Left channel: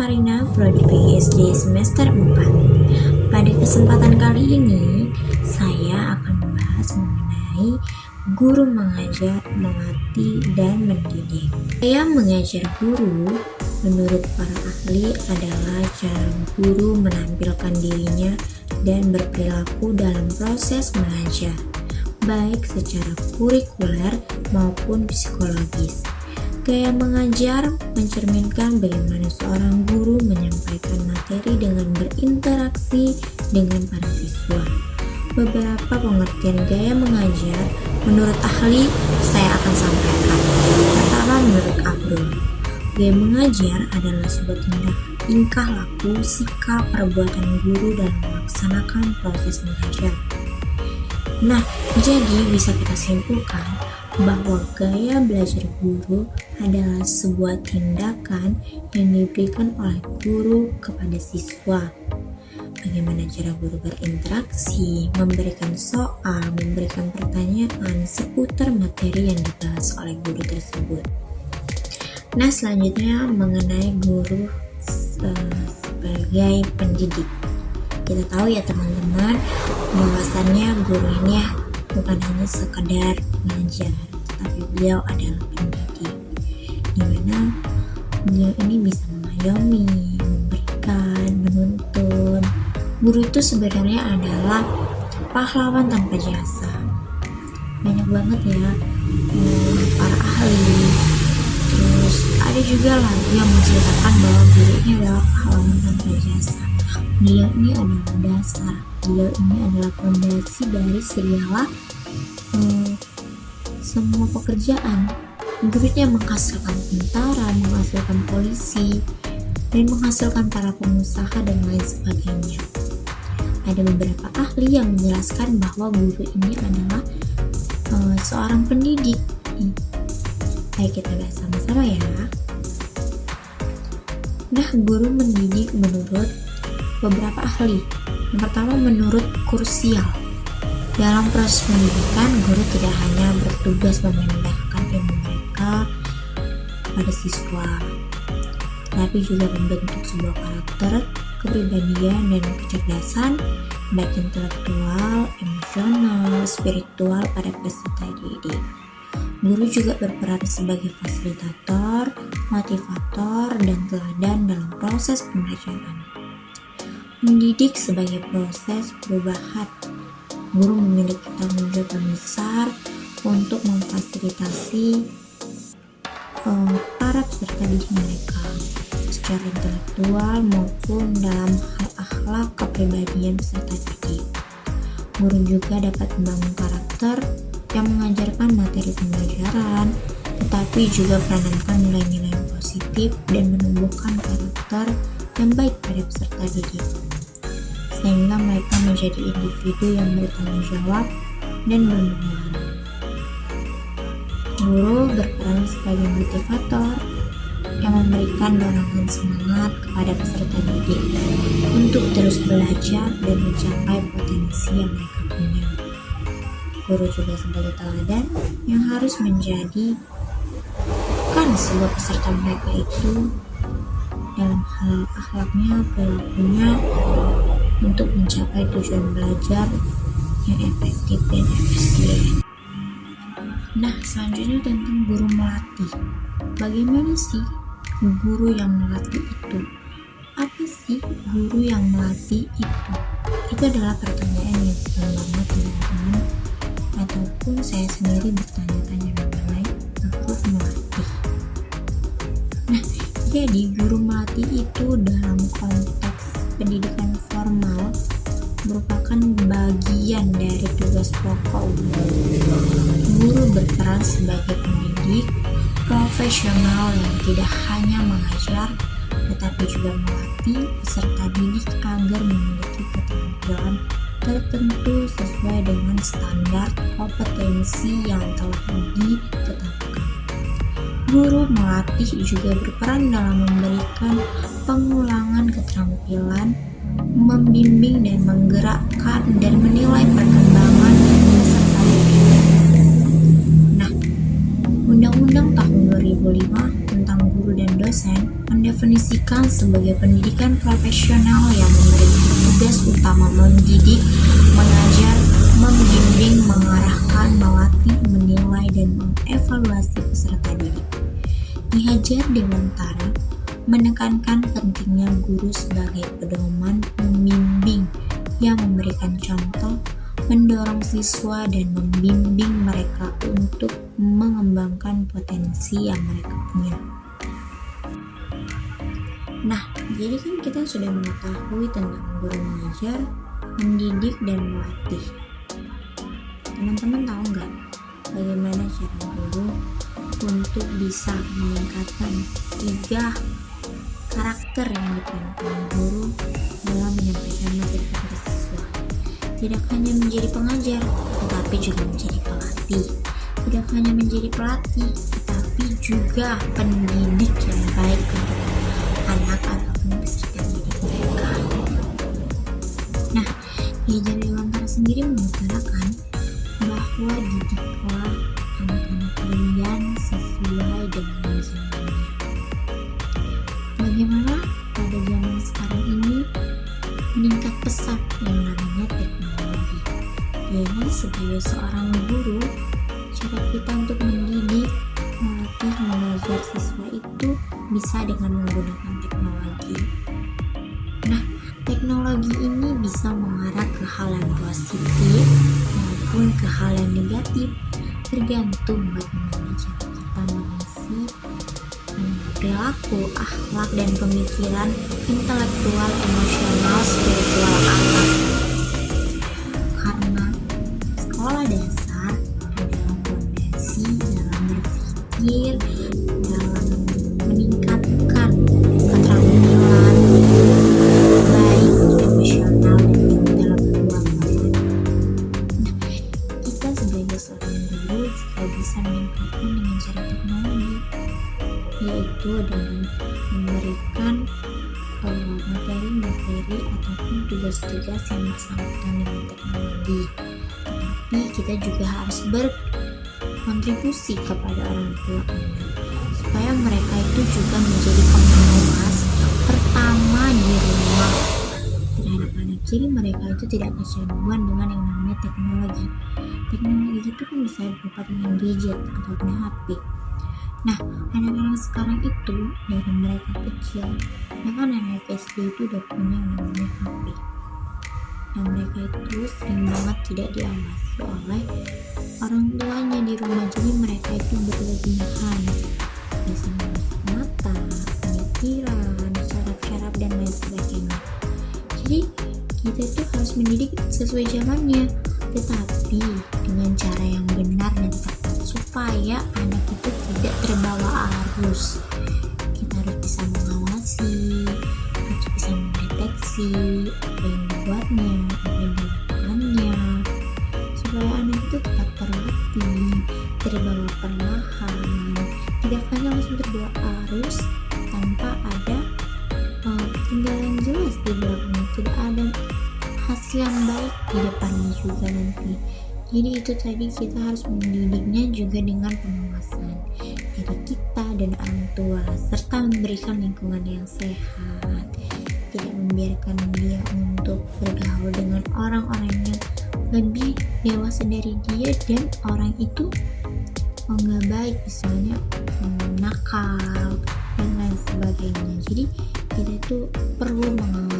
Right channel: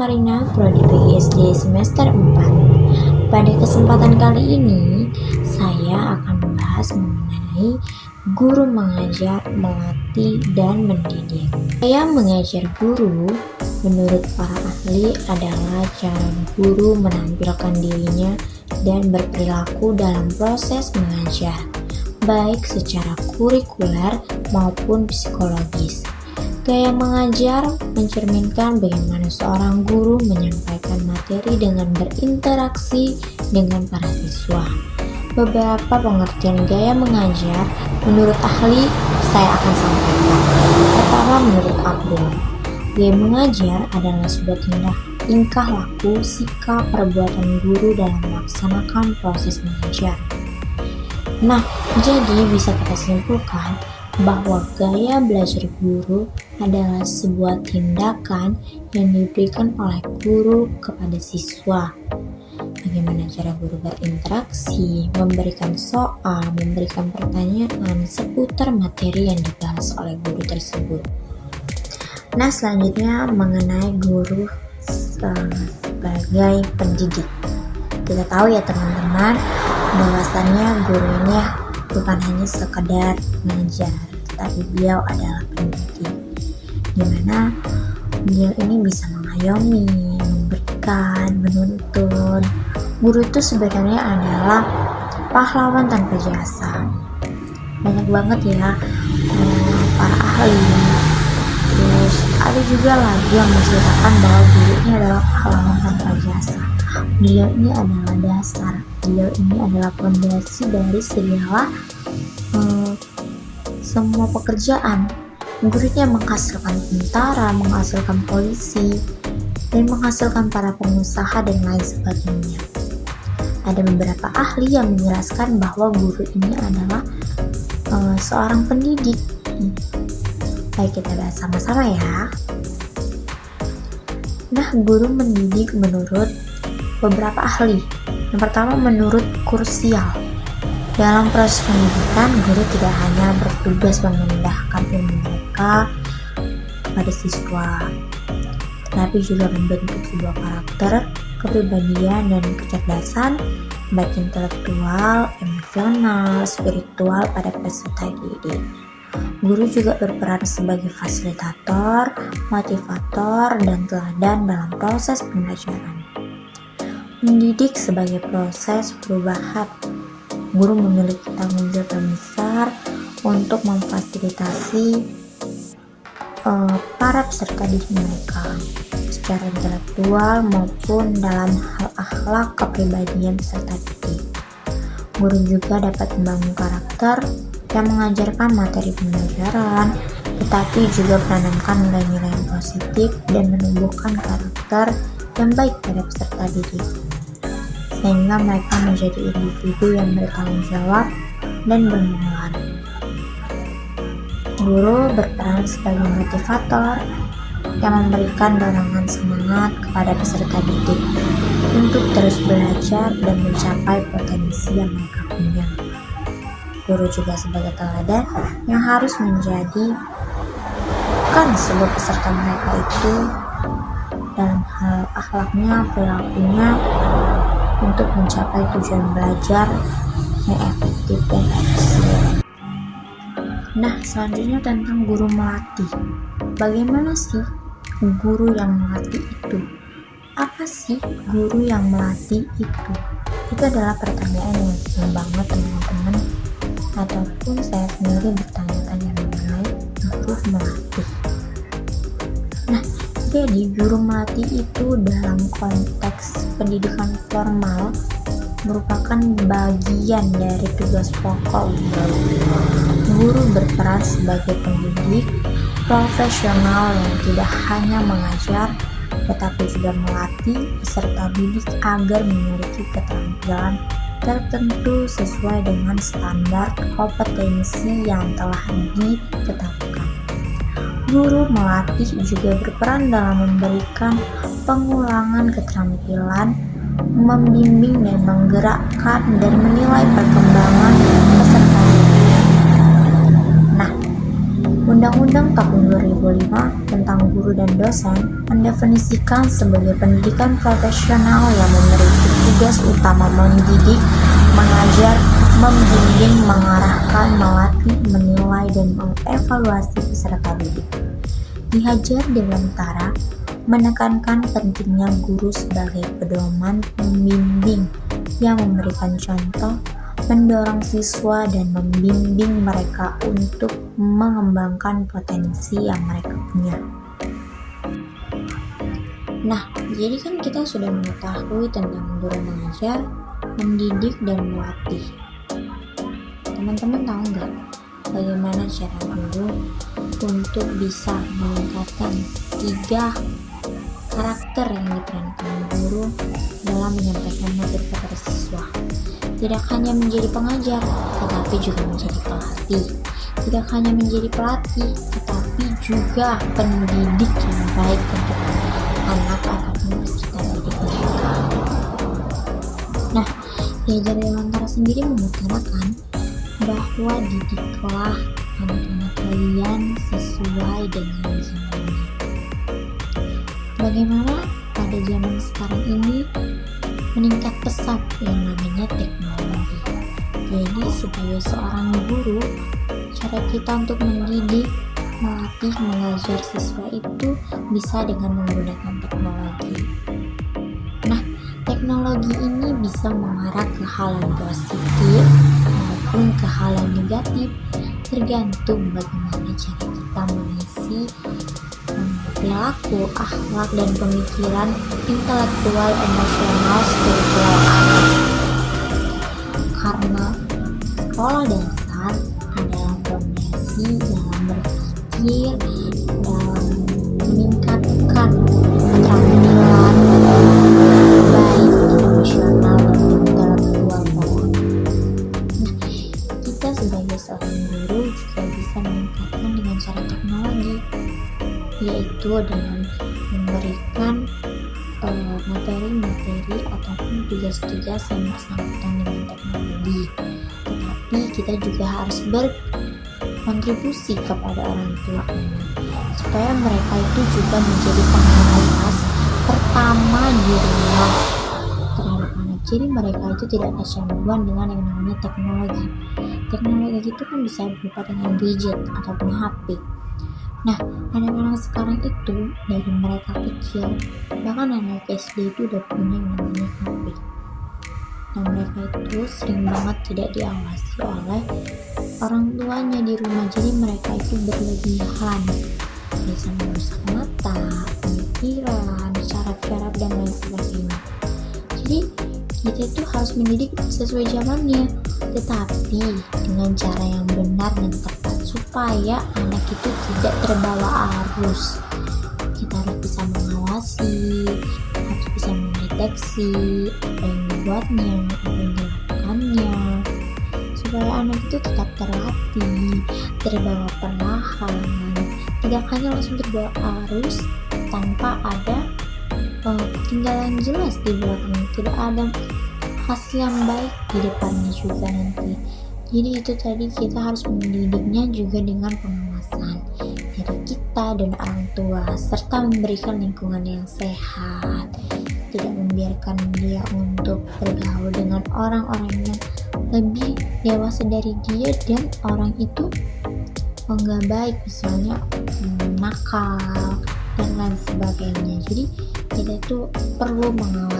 Farina, Prodi PGSD semester 4. Pada kesempatan kali ini, saya akan membahas mengenai guru mengajar, melatih, dan mendidik. Saya mengajar guru, menurut para ahli adalah cara guru menampilkan dirinya dan berperilaku dalam proses mengajar, baik secara kurikuler maupun psikologis. Gaya mengajar mencerminkan bagaimana seorang guru menyampaikan materi dengan berinteraksi dengan para siswa. Beberapa pengertian gaya mengajar menurut ahli saya akan sampaikan. Pertama, menurut Abdul, gaya mengajar adalah sebuah tingkah laku, sikap, perbuatan guru dalam melaksanakan proses mengajar. Nah, jadi bisa kita simpulkan bahwa gaya belajar guru adalah sebuah tindakan yang diberikan oleh guru kepada siswa. Bagaimana cara guru berinteraksi, memberikan soal, memberikan pertanyaan seputar materi yang dibahas oleh guru tersebut. Nah, selanjutnya mengenai guru sebagai pendidik. Kita tahu ya teman-teman, bahwasannya guru ini bukan hanya sekedar mengajar, tetapi beliau adalah pendidik, di mana beliau ini bisa mengayomi, memberikan, menuntun. Guru itu sebenarnya adalah pahlawan tanpa jasa. Banyak banget ya para ahli. Terus ada juga lagi yang menceritakan bahwa guru ini adalah pahlawan tanpa jasa. Beliau ini adalah dasar. Beliau ini adalah fondasi dari segala semua pekerjaan. Gurunya menghasilkan tentara, menghasilkan polisi, dan menghasilkan para pengusaha dan lain sebagainya. Ada beberapa ahli yang menjelaskan bahwa guru ini adalah seorang pendidik. Baik, kita bahas sama-sama ya. Nah, guru mendidik menurut beberapa ahli. Yang pertama, menurut Kursial. Dalam proses pendidikan, guru tidak hanya bertugas memindahkan ilmu mereka pada siswa, tetapi juga membentuk sebuah karakter, kepribadian, dan kecerdasan, baik intelektual, emosional, spiritual pada peserta didik. Guru juga berperan sebagai fasilitator, motivator, dan teladan dalam proses pembelajaran. Mendidik sebagai proses perubahan. Guru memiliki tanggung jawab yang besar untuk memfasilitasi para peserta didik mereka secara intelektual maupun dalam hal akhlak kepribadian peserta didik. Guru juga dapat membangun karakter yang mengajarkan materi pembelajaran, tetapi juga menanamkan nilai-nilai yang positif dan menumbuhkan karakter yang baik pada peserta didik, sehingga mereka menjadi individu yang bertanggung jawab dan bermanfaat. Guru berperan sebagai motivator yang memberikan dorongan semangat kepada peserta didik untuk terus belajar dan mencapai potensi yang mereka punya. Guru juga sebagai teladan yang harus menjadikan sebuah peserta mereka itu dalam hal akhlaknya, perilakunya, untuk mencapai tujuan belajar yang efektif dan efisien. Nah, selanjutnya tentang guru melatih. Bagaimana sih guru yang melatih itu? Apa sih guru yang melatih itu? Itu adalah pertanyaan yang penting banget teman-teman, ataupun saya sendiri bertanya-tanya mengenai guru melatih. Nah, jadi guru melatih itu dalam konteks pendidikan formal merupakan bagian dari tugas pokok guru. Guru berperan sebagai pendidik profesional yang tidak hanya mengajar, tetapi juga melatih peserta didik agar memiliki keterampilan tertentu sesuai dengan standar kompetensi yang telah ditetapkan. Guru melatih juga berperan dalam memberikan pengulangan keterampilan, membimbing dan menggerakkan dan menilai perkembangan peserta. Nah, Undang-Undang Tahun 2005 tentang Guru dan Dosen mendefinisikan sebagai pendidikan profesional yang memiliki tugas utama mendidik, mengajar, membimbing, mengarahkan, melatih, menilai, dan mengevaluasi peserta didik. Ki Hajar Dewantara menekankan pentingnya guru sebagai pedoman pembimbing yang memberikan contoh, mendorong siswa dan membimbing mereka untuk mengembangkan potensi yang mereka punya. Nah, jadi kan kita sudah mengetahui tentang guru mengajar, mendidik, dan melatih. Teman-teman tahu nggak bagaimana cara guru untuk bisa meningkatkan 3 karakter yang diperankan guru dalam menyampaikan materi kepada siswa? Tidak hanya menjadi pengajar, tetapi juga menjadi pelatih. Tidak hanya menjadi pelatih, tetapi juga pendidik yang baik untuk anak ataupun peserta didik mereka. Nah, Ki Hajar Dewantara sendiri mengutarakan bahwa didiklah anak-anak kalian sesuai dengan zamannya. Bagaimana pada zaman sekarang ini meningkat pesat yang namanya teknologi. Jadi sebagai seorang guru, cara kita untuk mendidik, melatih, mengajar siswa itu bisa dengan menggunakan teknologi. Nah, teknologi ini bisa mengarah ke hal yang positif maupun ke hal yang negatif, tergantung bagaimana cara kita mengisi perilaku, akhlak, dan pemikiran intelektual, emosional, spiritual anak. Karena sekolah dasar adalah fondasi dalam berpikir, dalam meningkatkan keterampilan baik emosional dan intelektual orang. Nah, kita sebagai seorang guru juga bisa meningkatkan dengan cara teknologi, yaitu dengan memberikan materi-materi ataupun tugas-tugas yang bersangkutan dengan teknologi. Tapi kita juga harus berkontribusi kepada orang tua anak, supaya mereka itu juga menjadi pengawas pertama di rumah terhadap anak. Jadi mereka itu tidak kecanduan dengan yang namanya teknologi. Teknologi itu kan bisa berupa dengan gadget ataupun HP. Nah, anak-anak sekarang itu dari mereka kecil, bahkan anak SD itu udah punya yang namanya HP. Dan mereka itu sering banget tidak diawasi oleh orang tuanya di rumah. Jadi mereka itu berlebihan, bisa merusak mata, pemikiran, syaraf-syaraf, dan lain sebagainya. Jadi kita itu harus mendidik sesuai zamannya, tetapi dengan cara yang benar dan tepat, supaya anak itu tidak terbawa arus. Kita harus bisa mengawasi, harus bisa mendeteksi apa yang dibuatnya, apa yang dilakukannya, supaya anak itu tetap terlatih, terbawa perlahan, tidak hanya langsung terbawa arus tanpa ada ketinggalan jelas di belakangnya, tidak ada hasil yang baik di depannya juga nanti. Jadi itu tadi, kita harus mendidiknya juga dengan pengawasan dari kita dan orang tua, serta memberikan lingkungan yang sehat, tidak membiarkan dia untuk bergaul dengan orang-orang yang lebih dewasa dari dia dan orang itu nggak baik, misalnya nakal dan lain sebagainya. Jadi kita itu perlu mengawasi